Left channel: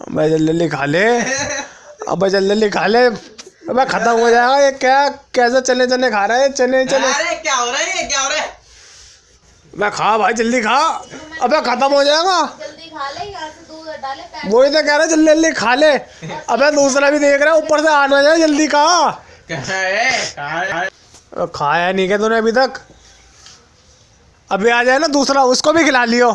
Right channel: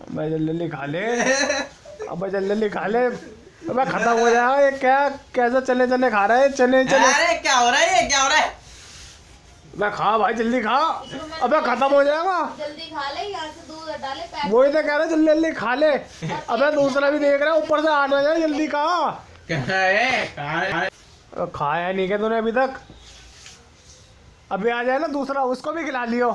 अबे जल्दी खा ले, अबे जल्दी खा ले, अबे खत्म हो जाएगा ये। क्या कैसे चने चने खा रहा है? चने चने। अरे क्या हो रहा है, ये क्या हो रहा है? मैं खा भाई, जल्दी खा, अबे खत्म हो जाएगा। जल्दी खा ले, यहाँ से दूध डाले पैक। वही तो कह रहा है, जल्दी जल्दी खा ले। अबे दूसरा भी देख रहा है, ऊपर से आना जाए, जल्दी खा। खाया नहीं क्या तूने अभी तक? अभी आ जाए ना दूसरा, उसको भी खिला लियो।